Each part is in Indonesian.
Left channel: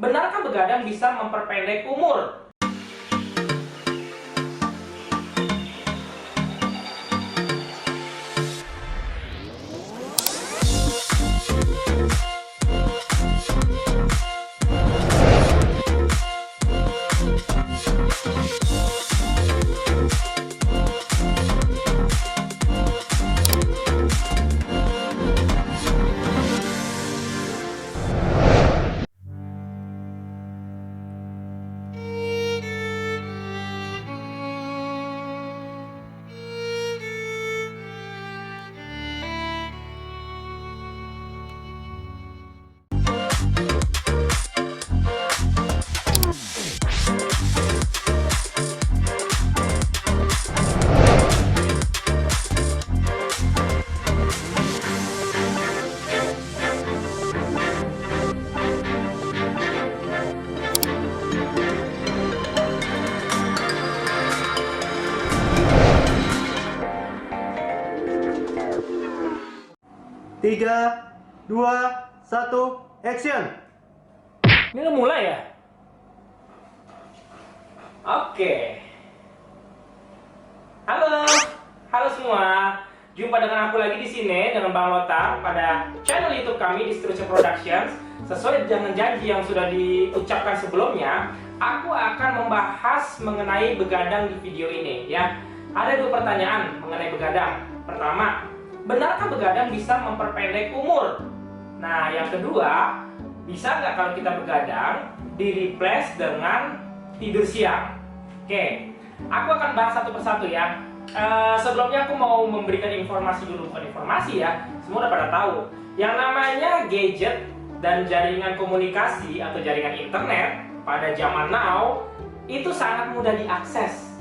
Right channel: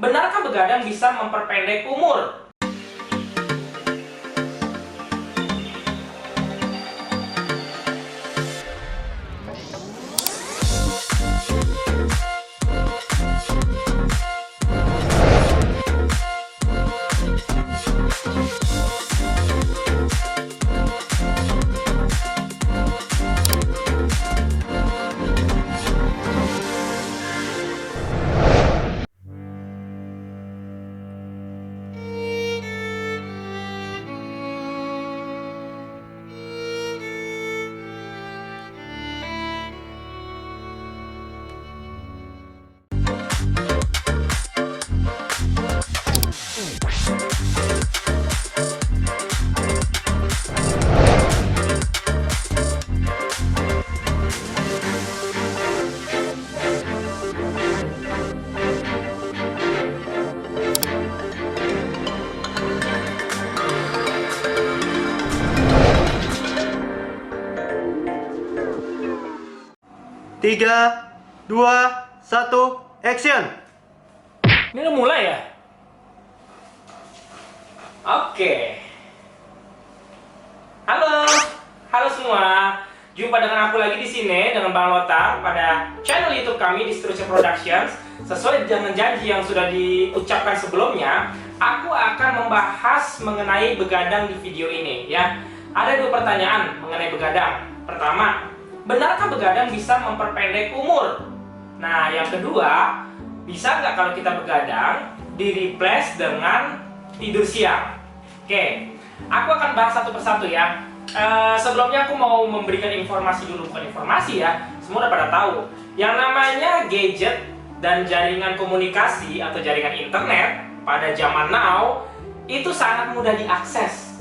Benarkah begadang bisa memperpendek umur? Tiga, dua, satu, action! Ini udah mulai ya? Oke. Halo semua. Jumpa dengan aku lagi di sini dengan Bang Lotar pada channel YouTube kami Distruction Productions. Sesuai dengan janji yang sudah diucapkan sebelumnya, aku akan membahas mengenai begadang di video ini ya. Ada dua pertanyaan mengenai begadang. Pertama, benarkah begadang bisa memperpendek umur? Nah, yang kedua, bisa nggak kalau kita begadang di-replace dengan tidur siang? Oke, aku akan bahas satu persatu ya. Sebelumnya aku mau memberikan informasi dulu, bukan informasi ya. Semua udah pada tahu. Yang namanya gadget dan jaringan komunikasi atau jaringan internet pada zaman now itu sangat mudah diakses.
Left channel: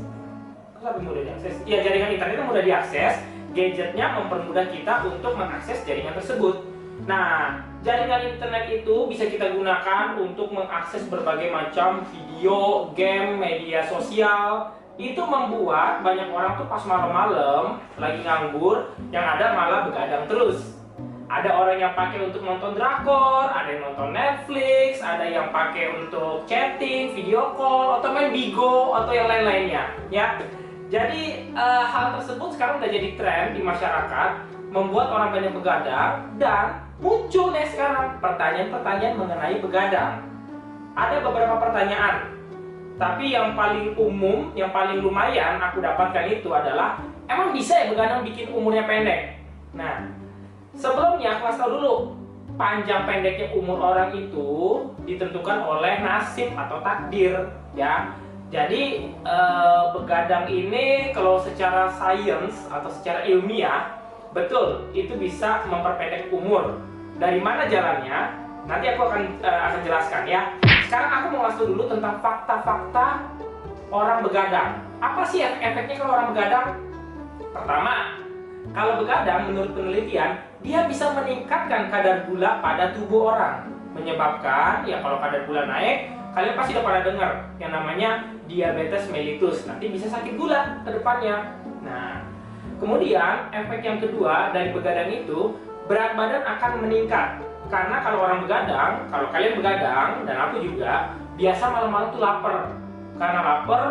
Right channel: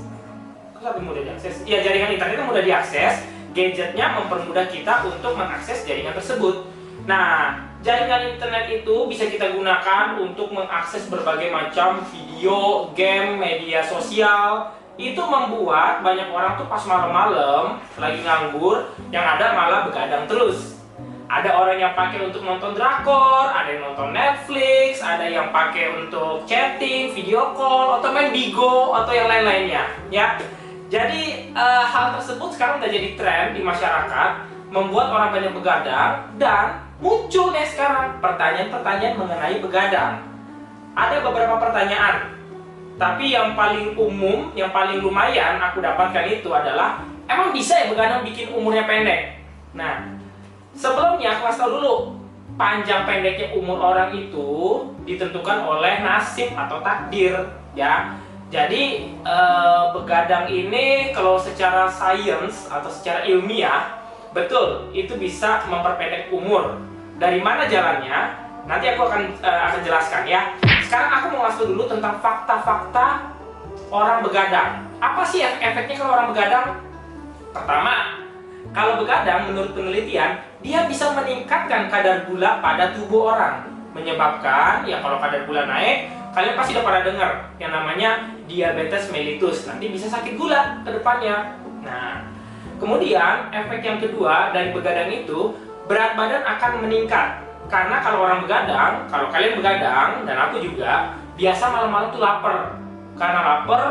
Kok lebih mudah diakses? Ya, jaringan internetnya mudah diakses. Gadgetnya mempermudah kita untuk mengakses jaringan tersebut. Nah, jaringan internet itu bisa kita gunakan untuk mengakses berbagai macam video, game, media sosial. Itu membuat banyak orang tuh pas malam-malam lagi nganggur, yang ada malah begadang terus. Ada orang yang pakai untuk nonton drakor, ada yang nonton Netflix, ada yang pakai untuk chatting, video call, atau main Bigo, atau yang lain-lainnya ya. Jadi hal tersebut sekarang udah jadi tren di masyarakat, membuat orang banyak begadang, dan muncul nih sekarang pertanyaan-pertanyaan mengenai begadang. Ada beberapa pertanyaan, tapi yang paling umum, yang paling lumayan aku dapatkan itu adalah, emang bisa ya begadang bikin umurnya pendek? Nah, sebelumnya aku kasih tahu dulu, panjang pendeknya umur orang itu ditentukan oleh nasib atau takdir ya. Jadi begadang ini kalau secara sains atau secara ilmiah betul itu bisa memperpendek umur. Dari mana jalannya? Nanti aku akan jelaskan ya. Sekarang aku mau ngasih dulu tentang fakta-fakta orang begadang. Apa sih efeknya kalau orang begadang? Pertama, kalau begadang menurut penelitian dia bisa meningkatkan kadar gula pada tubuh orang, menyebabkan ya kalau kadar gula naik, kalian pasti udah pada dengar yang namanya diabetes mellitus. Nanti bisa sakit gula ke depannya. Nah, kemudian efek yang kedua dari begadang itu, berat badan akan meningkat. Karena kalau orang begadang, kalau kalian begadang dan aku juga, biasa malam-malam tuh lapar. Karena lapar,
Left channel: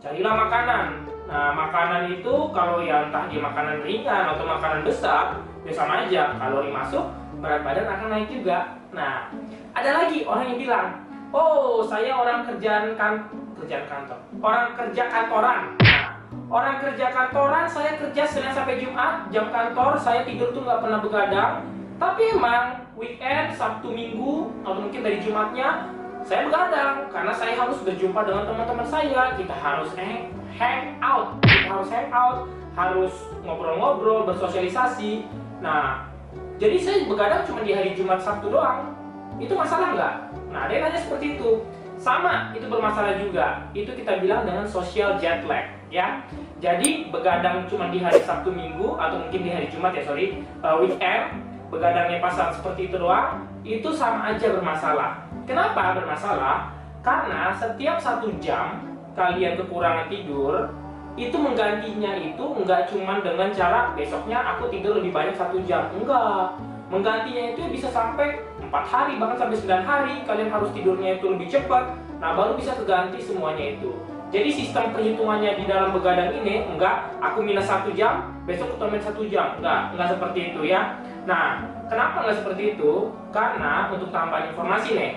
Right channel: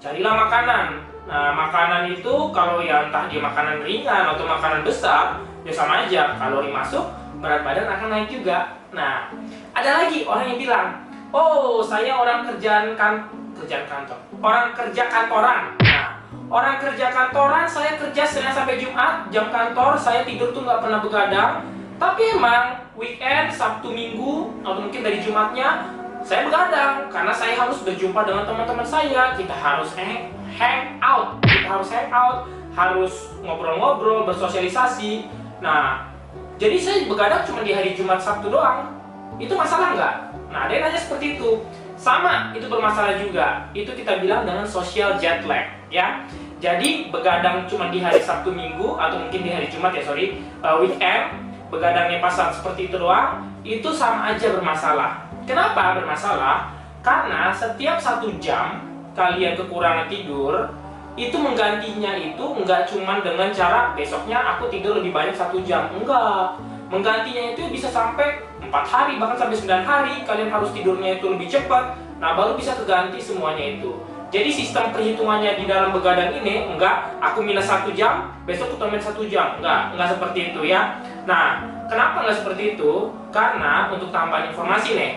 carilah makanan. Nah, makanan itu kalau ya entah dia makanan ringan atau makanan besar, ya sama aja. Kalori masuk, berat badan akan naik juga. Nah, ada lagi orang yang bilang, oh, saya orang kantor. Orang kerja kantoran. Nah, orang kerja kantoran, saya kerja Senin sampai Jumat, jam kantor, saya tidur tuh nggak pernah begadang. Tapi emang weekend, Sabtu, Minggu, atau mungkin dari Jumatnya, saya begadang. Karena saya harus berjumpa dengan teman-teman saya. Kita harus hang out, harus ngobrol-ngobrol, bersosialisasi. Nah, jadi saya begadang cuma di hari Jumat, Sabtu doang. Itu masalah nggak? Nah, ada yang nanya seperti itu. Sama, itu bermasalah juga. Itu kita bilang dengan social jet lag ya. Jadi begadang cuma di hari Sabtu Minggu atau mungkin di hari Jumat ya, weekend, begadangnya pas saat seperti itu doang, itu sama aja bermasalah. Kenapa bermasalah? Karena setiap 1 jam kalian kekurangan tidur, itu menggantinya itu nggak cuma dengan cara besoknya aku tidur lebih banyak 1 jam. Enggak. Menggantinya itu bisa sampai 4 hari, bahkan sampai 9 hari kalian harus tidurnya itu lebih cepat. Nah, baru bisa keganti semuanya itu. Jadi sistem perhitungannya di dalam begadang ini enggak aku minus 1 jam, besok aku tambah 1 jam. Enggak seperti itu ya. Nah, kenapa enggak seperti itu? Karena untuk tambahan informasi nih,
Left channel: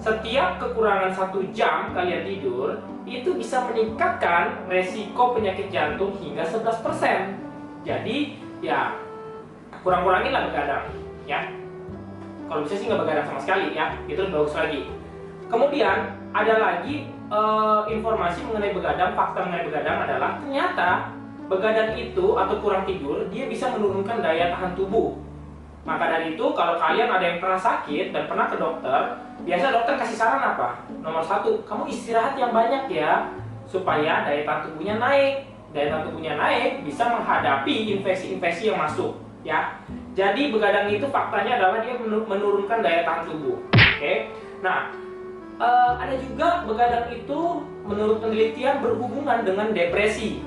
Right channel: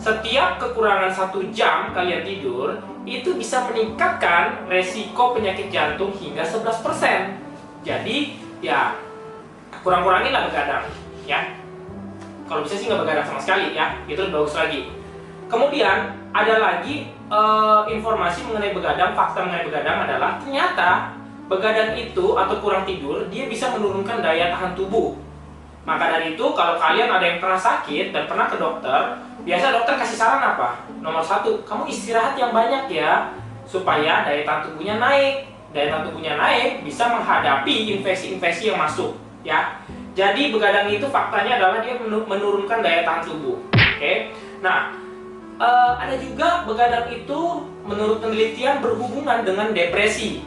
setiap kekurangan 1 jam kalian tidur itu bisa meningkatkan resiko penyakit jantung hingga 11%. Jadi ya kurang-kuranginlah begadang ya. Kalau bisa sih nggak begadang sama sekali ya, itu lebih bagus lagi. Kemudian ada lagi informasi mengenai begadang, fakta mengenai begadang adalah ternyata begadang itu atau kurang tidur dia bisa menurunkan daya tahan tubuh. Maka dari itu kalau kalian ada yang pernah sakit dan pernah ke dokter, biasa dokter kasih saran apa? Nomor 1, kamu istirahat yang banyak ya, supaya daya tahan tubuhnya naik. Daya tahan tubuhnya naik bisa menghadapi infeksi-infeksi yang masuk ya. Jadi begadang itu faktanya adalah dia menurunkan daya tahan tubuh. Oke. Nah, ada juga begadang itu menurut penelitian berhubungan dengan depresi.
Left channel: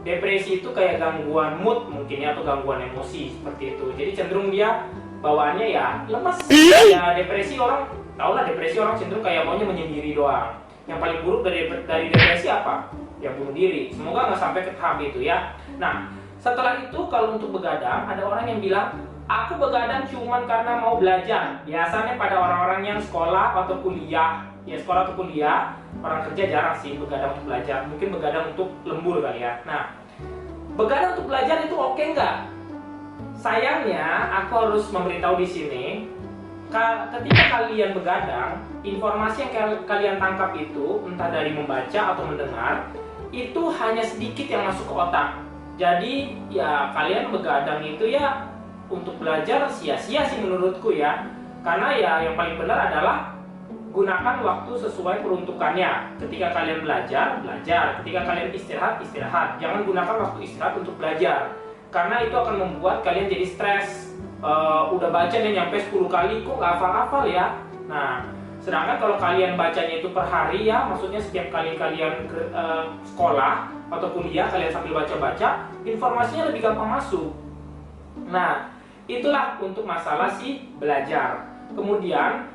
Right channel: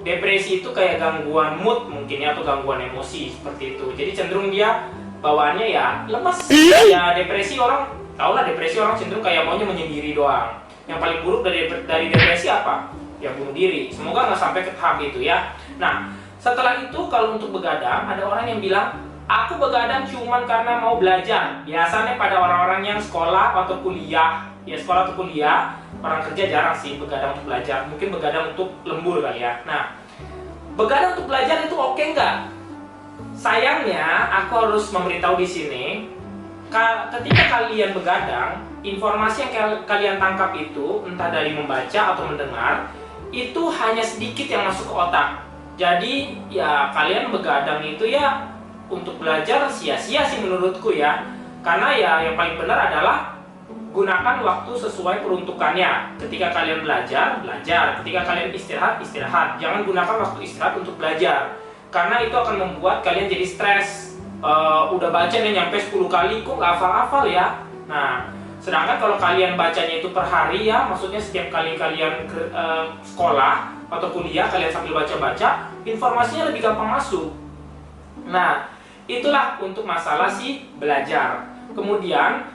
Depresi itu kayak gangguan mood mungkin ya, atau gangguan emosi seperti itu. Jadi cenderung dia bawaannya ya lemas. Ya depresi orang, tau lah depresi orang cenderung kayak maunya menyendiri doang. Yang paling buruk dari depresi apa? Ya bunuh diri. Semoga nggak sampai ke tahap itu ya. Nah, setelah itu kalau untuk begadang ada orang yang bilang aku begadang cuman karena mau belajar. Biasanya pada orang-orang yang sekolah atau kuliah, ya sekolah atau kuliah, orang kerja jarang sih begadang untuk belajar. Mungkin begadang untuk lembur kali ya. Nah, begadang untuk belajar itu oke nggak? Sayangnya, aku harus memberitahu di sini, ketika kalian begadang, informasi yang kalian tangkap itu, entah dari membaca atau mendengar, itu hanya sedikit yang masuk ke otak. Jadi, ya kalian begadang itu ya untuk belajar sia-sia sih menurutku ya. Karena ya yang paling benar adalah gunakan waktu sesuai peruntukannya. Ketika kalian belajar, belajar. Ketika kalian istirahat, istirahat. Jangan gunakan waktu istirahat untuk belajar. Karena itu akan membuat kalian jadi stres. Udah baca nih nyampe 10 kali, kok nggak hafal-hafal ya? Nah, sedangkan kalau kalian bacanya itu per hari ya, maksudnya setiap kali kalian sekolah atau kuliah, kalian sambil baca-baca, informasinya lebih gampang masuk. Nah, itulah untuk masalah si belajar. Kemudian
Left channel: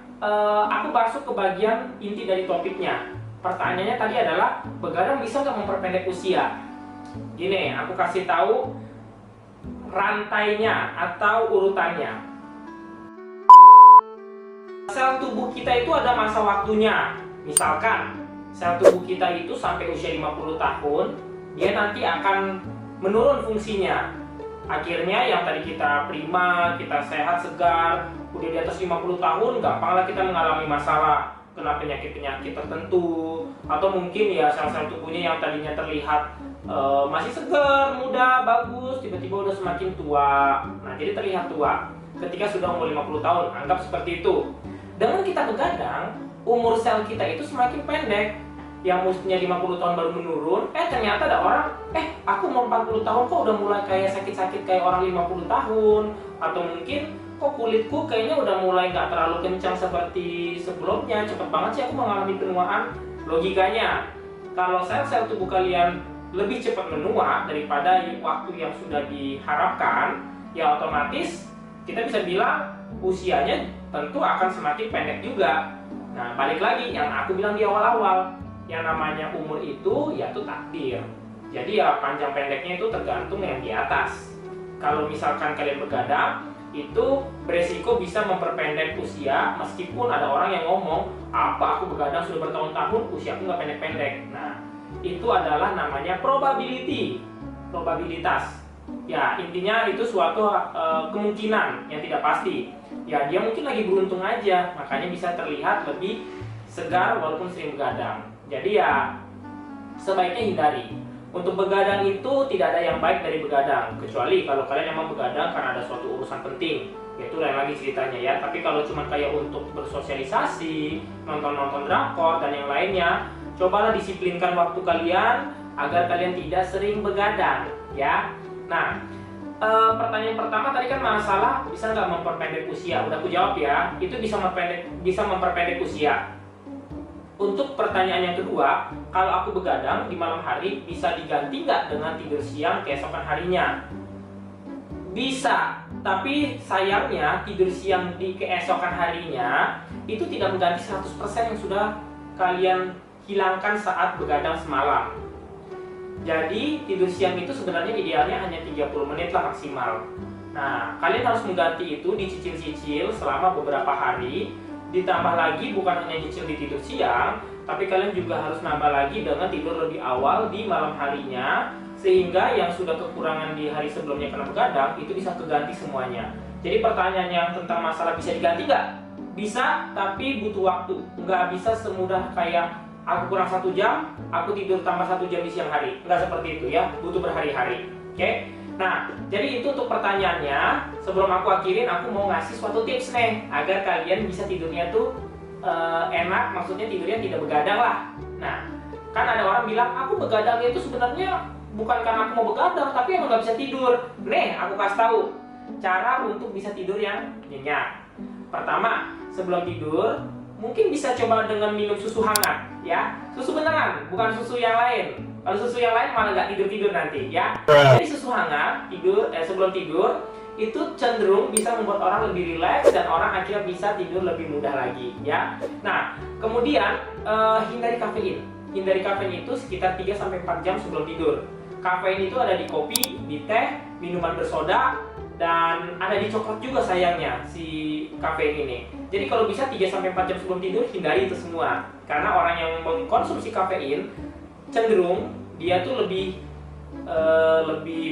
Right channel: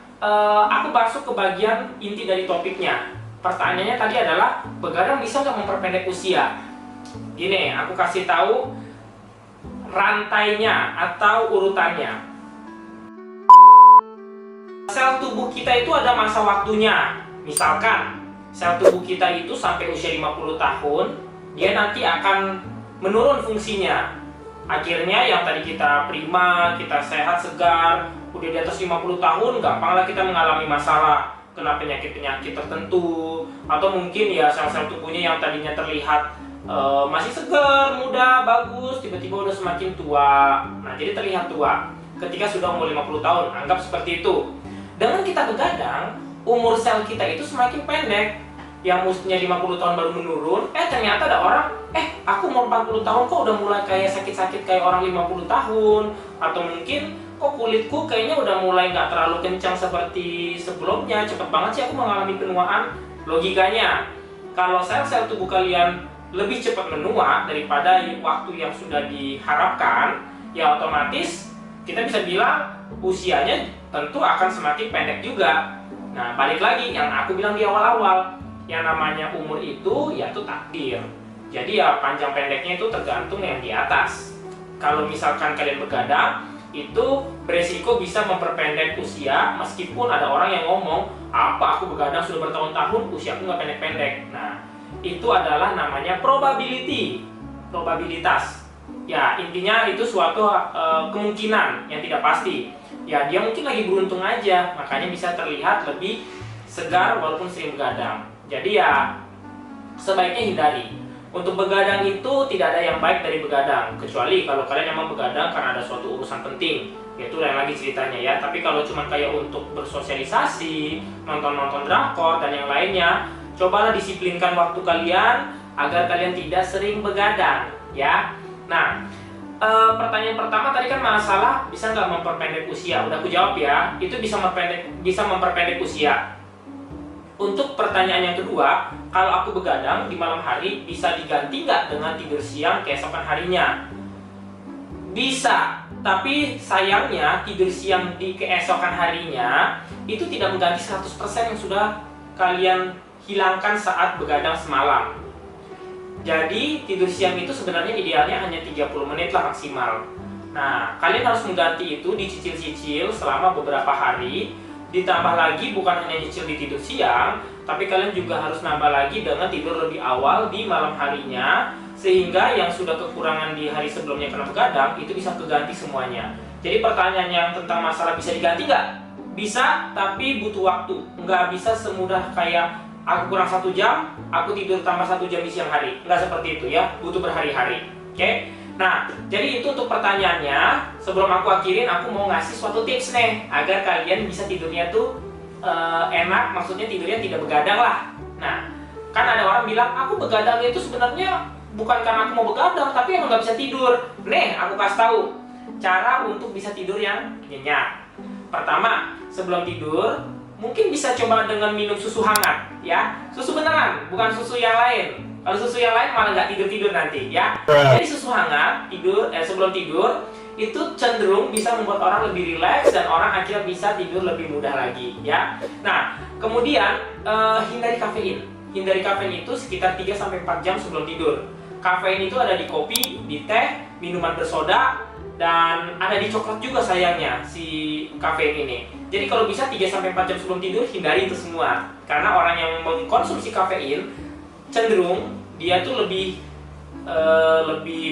aku masuk ke bagian inti dari topiknya. Pertanyaannya tadi adalah begadang bisa nggak memperpendek usia? Gini, aku kasih tahu rantainya atau urutannya. Sel tubuh kita itu ada masa waktunya. Misalkan sel tubuh kita itu sampai usia 50 tahun, dia nanti akan menurun fungsinya. Akhirnya yang tadi kita prima, kita sehat, segar, udah di atas 50 tahun, gampanglah kita mengalami masalah, kena penyakit-penyakit tertentu, atau mungkin ya sel-sel tubuhnya yang tadinya terlihat masih segar, muda, bagus, tiba-tiba udah semakin tua. Nah, jadi terlihat tua ketika sudah umur 50 tahun, anggap seperti itu. Dengan kita begadang, umur sel kita itu semakin pendek. Yang mestinya 50 tahun baru menurun, ternyata ada orang, aku umur 40 tahun kok udah mulai kayak sakit-sakit kayak orang 50 tahun. Atau mungkin, kok kulitku kayaknya udah mulai nggak terlalu kencang seperti sebelumnya, cepet banget sih aku mengalami penuaan. Logikanya, kalau sel-sel tubuh kalian lebih cepat menua daripada waktu yang sudah diharapkan, ya otomatis kita bisa bilang usianya tentu akan semakin pendek juga. Nah, balik lagi yang aku bilang di awal-awal, yang namanya umur itu ya itu takdir. Jadi ya panjang pendeknya itu tergantung yang di atas. Kalau misalkan kalian begadang, itu beresiko bisa memperpendek usia, meskipun ada orang yang ngomong, apa aku begadang sudah bertahun-tahun, usia aku nggak pendek-pendek. Nah, itu adalah namanya probability, probabilitas. Ya, intinya itu suatu kemungkinan yang tidak pasti. Ya, dia mungkin lagi beruntung aja, makanya bisa terlihat lebih segar walaupun sering begadang. Jadi ya, sebaiknya hindari. Untuk begadang itu tidak ada yang baik dari begadang, kecuali kalau kalian memang begadang karena ada suatu urusan penting, yaitu lain lagi ceritanya ya. Tapi kalau cuma kayak untuk bersosialisasi, nonton-nonton drakor dan yang lainnya, cobalah disiplinkan waktu kalian agar kalian tidak sering begadang ya. Nah, pertanyaan pertama tadi kan masalah bisa nggak memperpendek usia. Udah aku jawab ya, itu bisa memperpendek usia. Untuk pertanyaan yang kedua, kalau aku begadang di malam hari bisa diganti nggak dengan tidur siang keesokan harinya? Bisa, tapi sayangnya tidur siang di keesokan harinya itu tidak mengganti 100% yang sudah kalian hilangkan saat begadang semalam. Jadi tidur siang itu sebenarnya idealnya hanya 30 menit lah maksimal. Nah, kalian harus mengganti itu dicicil-cicil selama beberapa hari. Ditambah lagi bukan hanya cicil di tidur siang, tapi kalian juga harus nambah lagi dengan tidur lebih awal di malam harinya, sehingga yang sudah kekurangan di hari sebelumnya karena begadang itu bisa keganti semuanya. Jadi pertanyaan yang tentang masalah bisa diganti nggak? Bisa, tapi butuh waktu. Nggak bisa semudah kayak aku kurang 1 jam, aku tidur tambah 1 jam di siang hari. Nggak seperti itu ya, butuh berhari-hari. Oke? Nah, jadi itu untuk pertanyaannya. Sebelum aku akhirin, aku mau ngasih suatu tips nih agar kalian bisa tidurnya tuh enak, maksudnya tidurnya tidak begadang lah. Nah, kan ada orang bilang, aku begadang itu sebenarnya bukan karena aku mau begadang, tapi emang nggak bisa tidur. Nih, aku kasih tahu cara untuk bisa tidur yang nyenyak. Pertama, sebelum tidur, mungkin bisa coba dengan minum susu hangat, ya. Susu beneran, bukan susu yang lain. Kalau susu yang lain malah nggak tidur-tidur nanti, ya. Jadi susu hangat sebelum tidur itu cenderung bisa membuat orang lebih rileks dan orang akhirnya bisa tidur lebih mudah lagi, ya. Nah, kemudian hindari kafein. Hindari kafein itu sekitar 3-4 jam sebelum tidur. Kafein itu ada di kopi, di teh, minuman bersoda, dan ada di coklat juga sayangnya si kafein ini. Jadi kalau bisa 3-4 jam sebelum tidur hindari itu semua. Karena orang yang mengkonsumsi kafein cenderung dia tuh lebih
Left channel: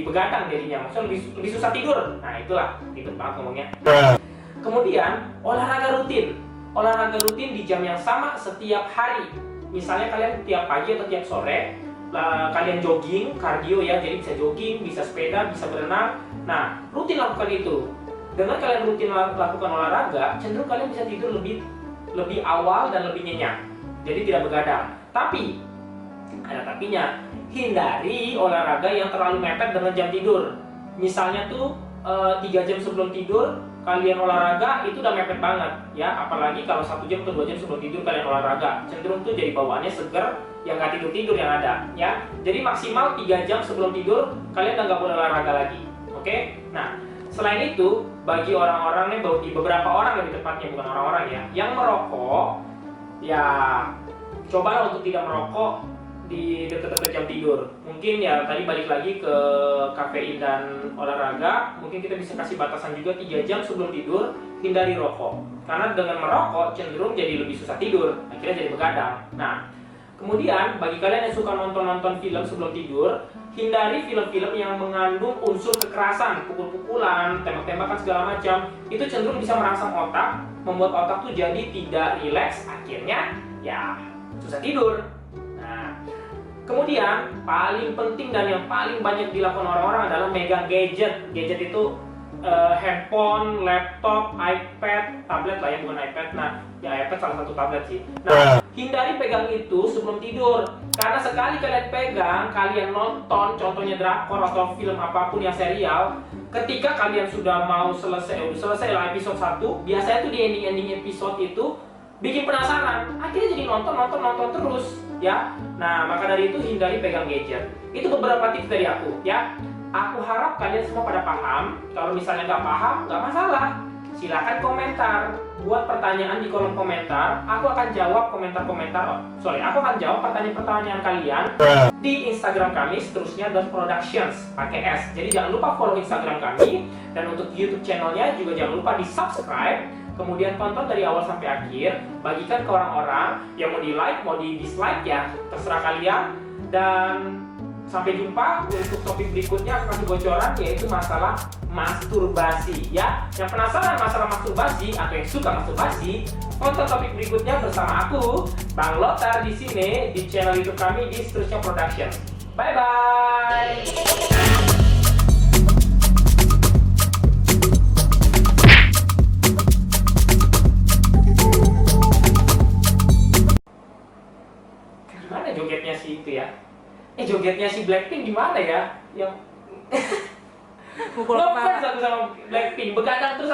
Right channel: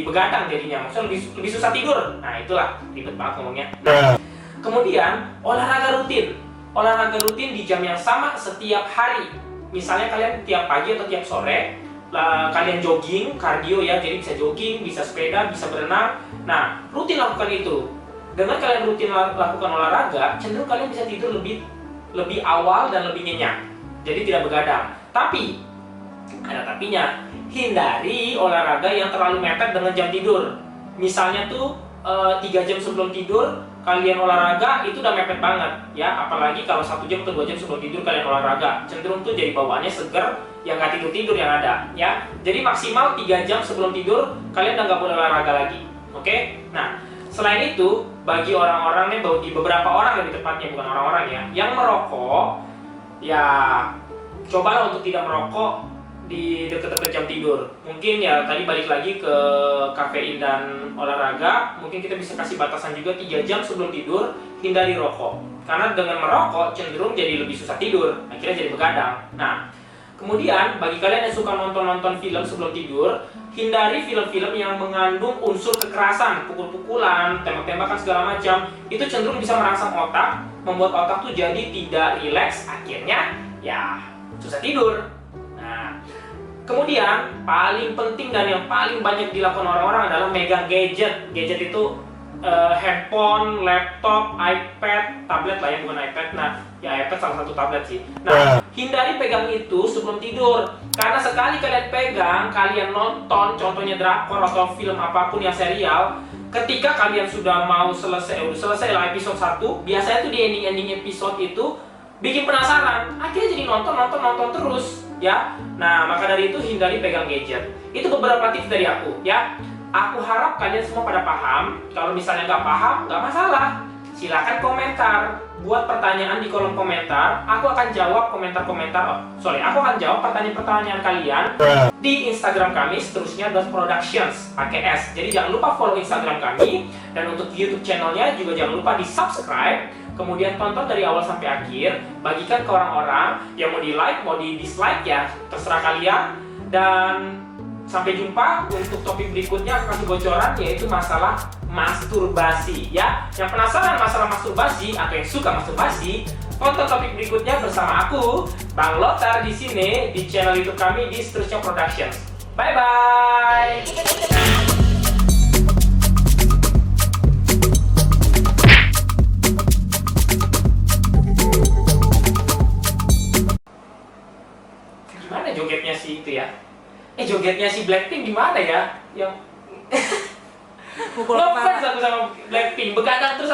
begadang jadinya, maksudnya lebih susah tidur. Nah itulah ribet banget ngomongnya. Kemudian olahraga rutin. Olahraga rutin di jam yang sama setiap hari. Misalnya kalian tiap pagi atau tiap sore kalian jogging, kardio ya, jadi bisa jogging, bisa sepeda, bisa berenang. Nah, rutin lakukan itu. Dengan kalian rutin lakukan olahraga, cenderung kalian bisa tidur lebih awal dan lebih nyenyak. Jadi tidak begadang. Tapi ada tapinya, hindari olahraga yang terlalu mepet dengan jam tidur. Misalnya tuh 3 jam sebelum tidur kalian olahraga itu udah mepet banget ya, apalagi kalau 1 jam atau 2 jam sebelum tidur kalian olahraga, cenderung tuh jadi bawaannya seger, yang nggak tidur yang ada ya. Jadi maksimal 3 jam sebelum tidur kalian udah nggak boleh olahraga lagi. Oke? Nah, selain itu bagi orang-orang nih, di beberapa orang lebih tepatnya, bukan orang-orang ya, yang merokok, ya cobalah untuk tidak merokok di dekat-dekat jam tidur. Mungkin ya tadi balik lagi ke kafein dan olahraga, mungkin kita bisa kasih batasan juga 3 jam sebelum tidur hindari rokok. Karena dengan merokok cenderung jadi lebih susah tidur, akhirnya jadi begadang. Nah, kemudian bagi kalian yang suka nonton film sebelum tidur, hindari film-film yang mengandung unsur kekerasan, pukul-pukulan, tembak-tembakan segala macam. Itu cenderung bisa merangsang otak, membuat otak tuh jadi tidak rileks, akhirnya ya susah tidur. Kemudian paling penting dan yang paling banyak dilakukan orang-orang adalah megang gadget. Gadget itu handphone, laptop, iPad, tablet lah ya, bukan iPad. Nah, ya iPad salah satu tablet sih. Nah, hindari pegang itu sebelum tidur. Karena sekali kalian pegang, kalian nonton, contohnya drakor atau film apapun yang serial, ketika kalian sudah mau selesai lah episode 1, biasanya tuh di ending episode itu bikin penasaran, akhirnya jadi nonton terus ya. Nah, maka dari itu hindari pegang gadget. Itu beberapa tips dari aku ya. Aku harap kalian semua pada paham. Kalau misalnya nggak paham, nggak masalah, silakan komentar, buat pertanyaan di kolom komentar. Aku akan jawab aku akan jawab pertanyaan-pertanyaan kalian di Instagram kami seterusnya.productions pakai S. Jadi jangan lupa follow Instagram kami, dan untuk YouTube channelnya juga jangan lupa di subscribe. Kemudian tonton dari awal sampai akhir, bagikan ke orang-orang yang mau di like, mau di dislike ya, terserah kalian. Dan sampai jumpa untuk topik berikutnya, aku kasih bocoran yaitu masalah masturbasi ya. Yang penasaran masalah masturbasi atau yang suka masturbasi, tonton topik berikutnya bersama aku, Bang Lothar di sini di channel YouTube kami di Seterusnya Productions. Bye bye. Jogetnya si itu ya, jogetnya si Blackpink gimana ya, yang ngefans aku sama Blackpink, begadang terus